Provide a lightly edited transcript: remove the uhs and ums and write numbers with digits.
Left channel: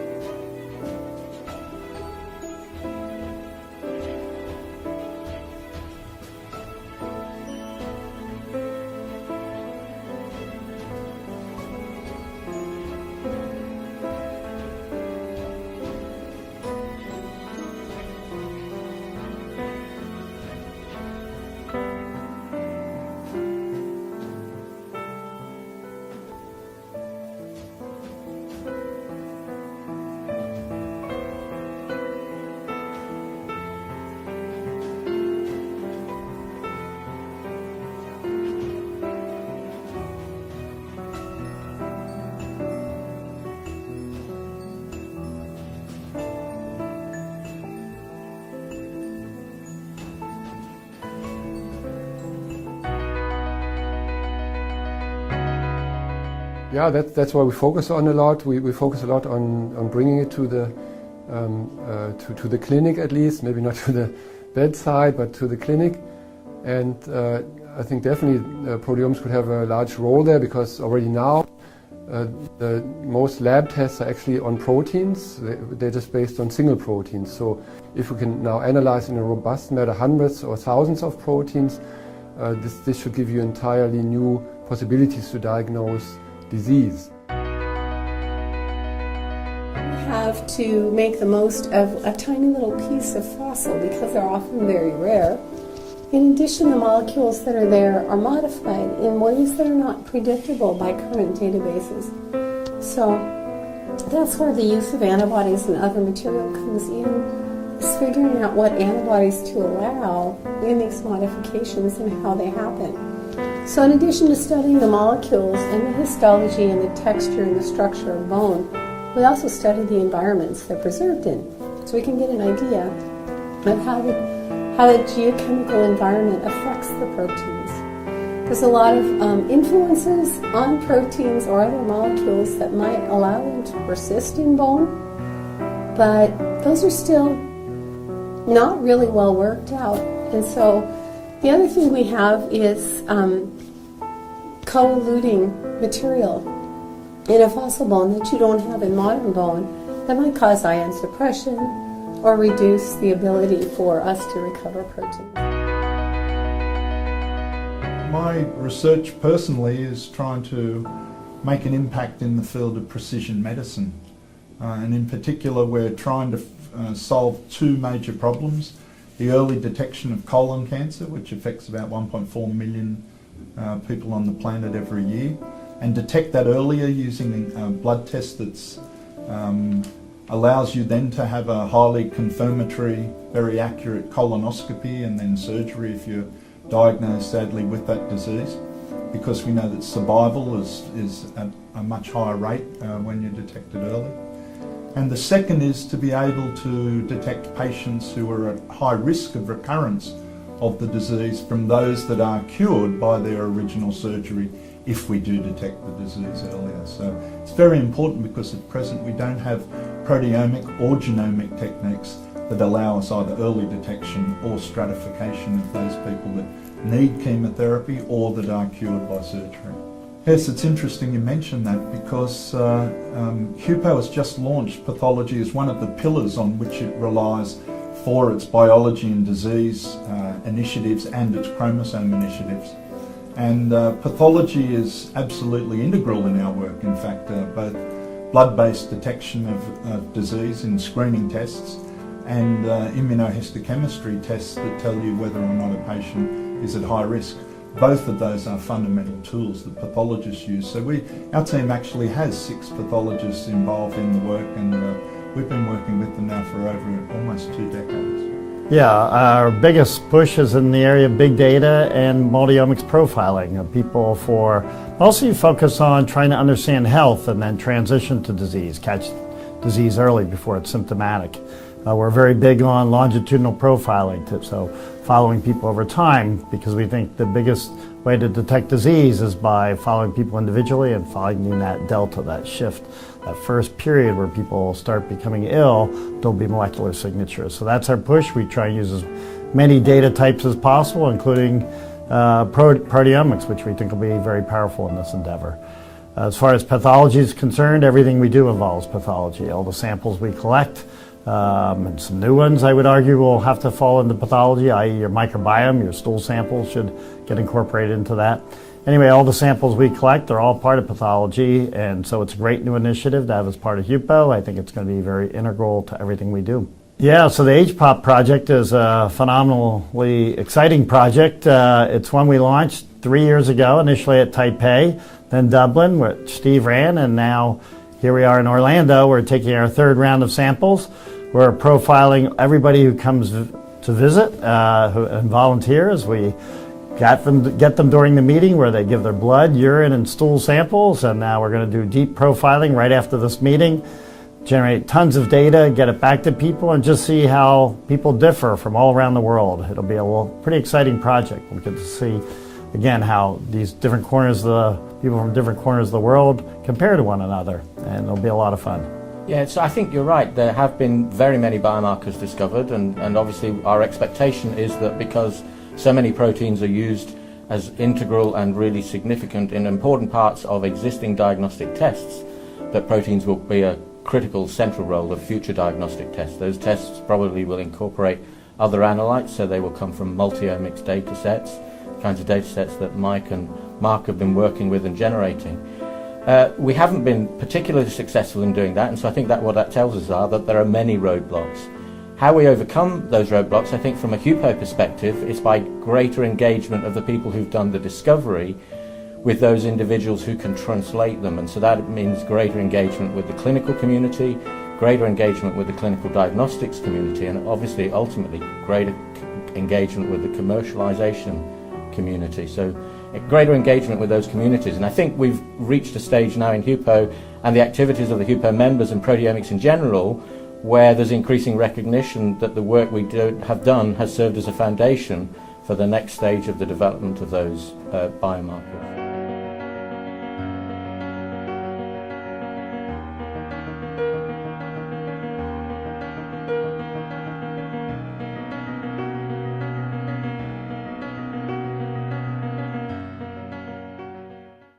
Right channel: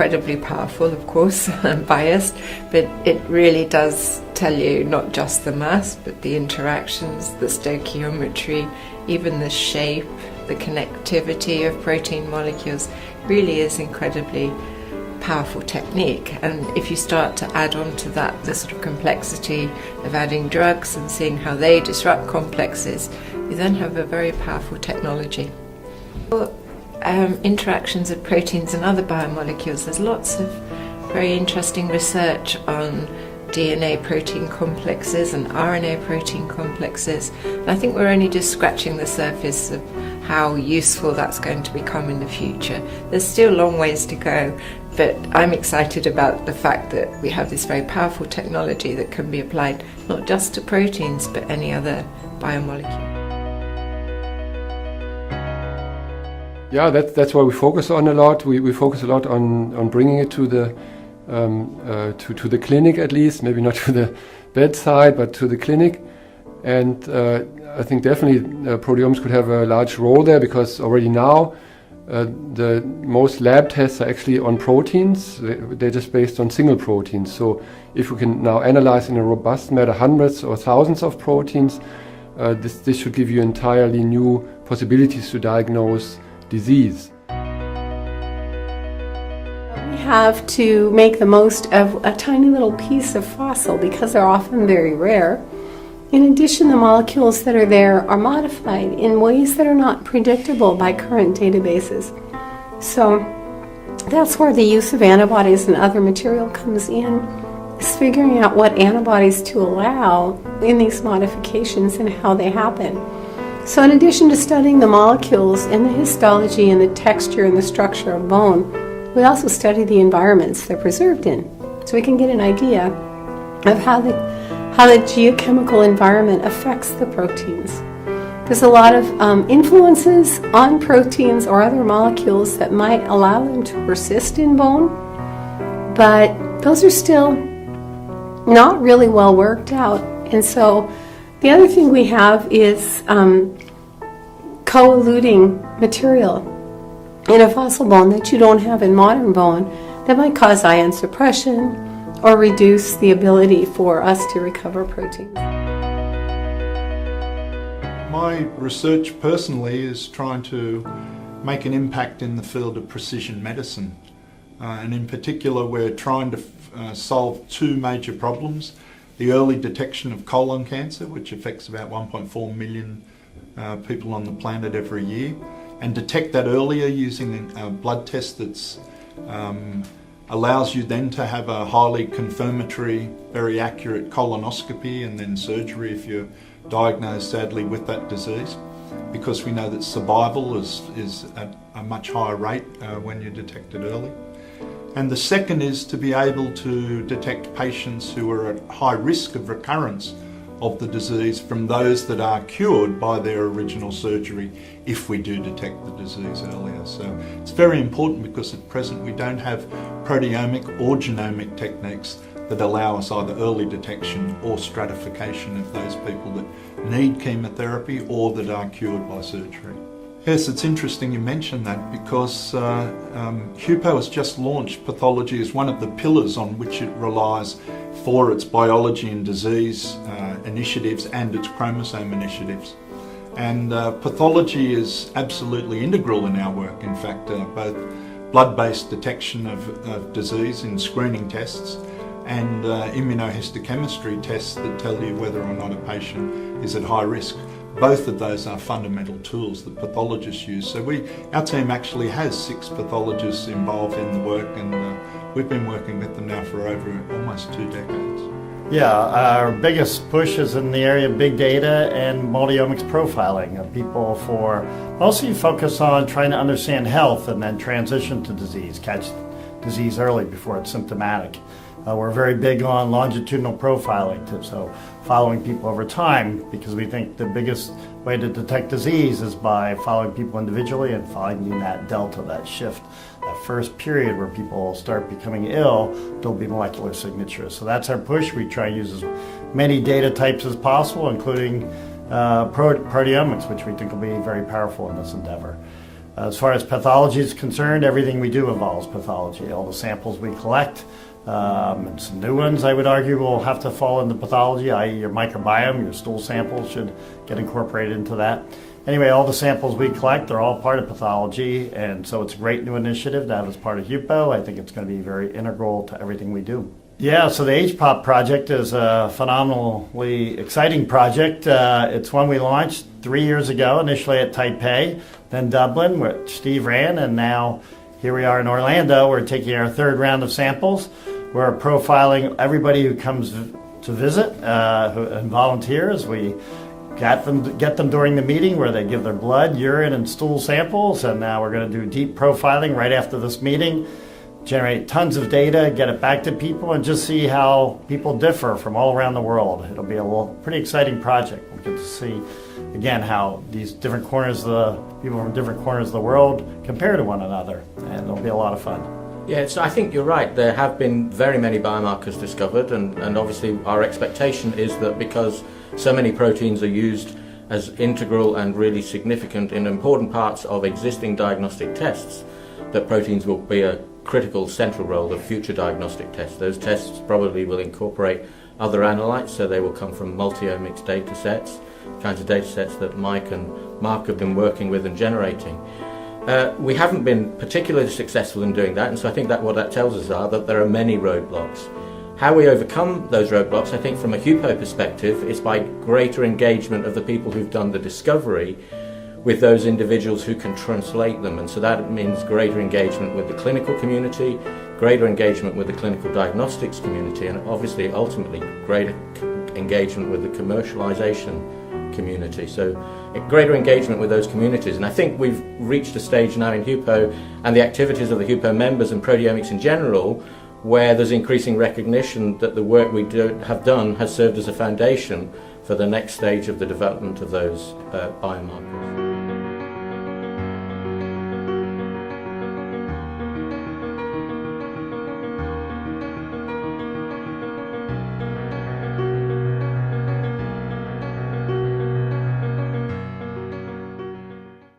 incredibly powerful, of course. I'm biased, but it really does tell you not just the mass, but the interactions, the stoichiometry, even the shape, the connectivity of protein molecules. Really is incredibly powerful technique. And if you start to add on to that the sort of complexity of adding drugs and seeing how they disrupt complexes, you then have a very powerful technology. Interactions of proteins and other biomolecules, there's lots of very interesting research on DNA protein complexes and RNA protein complexes. And I think we're only just scratching the surface of how useful that's going to become in the future. There's still a long ways to go, but I'm excited about the fact that we have this very powerful technology that can be applied not just to proteins but any other biomolecule. Yeah, that's why we focus on a lot. We focus a lot on bringing it to the to the clinic, at least, maybe not to the bedside, but to the clinic. And I think definitely proteomics could have a large role there, because already now the most lab tests are actually on proteins. They're just based on single proteins. So if we can now analyze in a robust manner hundreds or thousands of proteins, this should give you entirely new possibilities to diagnose disease. Have to make the most of a tiny little piece of fossil because they're often very rare. In addition, the molecules that are there are modified in ways that are not predictable by current databases. So that's where the use of antibodies and other material comes in, is figuring out what antibodies to allow in these modifications and how they happen. So in addition to studying the molecules and the histology and the texture and the structure of bone, we also study the environments they're preserved in, so we can get an idea of how the geochemical environment affects the proteins. There's a lot of influences on proteins or other molecules that might allow them to persist in bone, but those are still not really well worked out. And so the other thing we have is co-eluting material in a fossil bone that you don't have in modern bone that might cause ion suppression or reduce the ability for us to recover protein. My research personally is trying to make an impact in the field of precision medicine. And in particular, we're trying to solve two major problems. The early detection of colon cancer, which affects about 1.4 million people on the planet every year, and detect that earlier using a blood test that allows you then to have a highly confirmatory, very accurate colonoscopy and then surgery if you're diagnosed sadly with that disease, because we know that survival is at a much higher rate when you're detected early. And the second is to be able to detect patients who are at high risk of recurrence of the disease from those that are cured by their original surgery if we do detect the disease earlier. So it's very important because at present we don't have proteomic or genomic techniques that allow us either early detection or stratification of those people that need chemotherapy or that are cured by surgery. Yes, it's interesting you mention that because hPOP has just launched pathology as one of the pillars on which it relies for its biology and disease initiatives and its chromosome initiatives. And pathology is absolutely integral in our work. In fact, both blood-based detection of disease in screening tests and immunohistochemistry tests that tell you whether or not a patient is at high risk. Both of those are fundamental tools that pathologists use. So our team actually has 6 pathologists involved in the work, and we've been working with them now for over almost 2 decades. Yeah, our biggest push is in the area of big data and multi-omics profiling of people, for mostly focus on trying to understand health and then transition to disease, catch disease early before it's symptomatic. We're very big on longitudinal profiling, so following people over time, because we think the biggest way to detect disease is by following people individually and finding that delta, that shift. That first period where people start becoming ill, there'll be molecular signatures. So that's our push. We try and use as many data types as possible, including proteomics, which we think will be very powerful in this endeavor. As far as pathology is concerned, everything we do involves pathology. All the samples we collect, and some new ones, I would argue, will have to fall into pathology, i.e. your microbiome, your stool samples should get incorporated into that. Anyway, all the samples we collect are all part of pathology, and so it's a great new initiative that is part of HPO. I think it's going to be very integral to everything we do. Yeah, so the hPOP project is a phenomenally exciting project. It's one we launched 3 years ago, initially at Taipei, then Dublin, which Steve ran, and now here we are in Orlando. We're taking our third round of samples. We're profiling everybody who comes to visit and volunteers. We get them during the meeting where they give their blood, urine, and stool samples, and now we're going to do deep profiling right after this meeting, generate tons of data, get it back to people, and just see how people differ from all around the world. It'll be a pretty exciting project. We'll get to see, again, how these different corners people from different corners of the world compare to one another, and it'll be a lot of fun. Yeah, so I think you're right. There have been very many biomarkers discovered, and obviously our expectation is that because so many proteins are used as integral and really significant in important parts of existing diagnostic tests, that proteins will be a critical central role of future diagnostic tests. Those tests probably will incorporate other analytes, so they will come from multi-omics data sets, kinds of data sets that Mike and Mark have been working with and generating. We haven't been particularly successful in doing that, and so I think that what that tells us are that there are many roadblocks. How we overcome those roadblocks, I think from a HPO perspective, is by greater engagement of the people who've done the discovery with those individuals who can translate them, and so that means greater engagement with the clinical community, greater engagement with the clinical diagnostics community, and obviously ultimately greater engagement with the commercialization community. So greater engagement with those communities, and I think we've reached a stage now in HPO and the activities of the HPO members and proteomics in general where there's increasing recognition that the work we have done has served as a foundation for the next stage of the development of those biomarkers.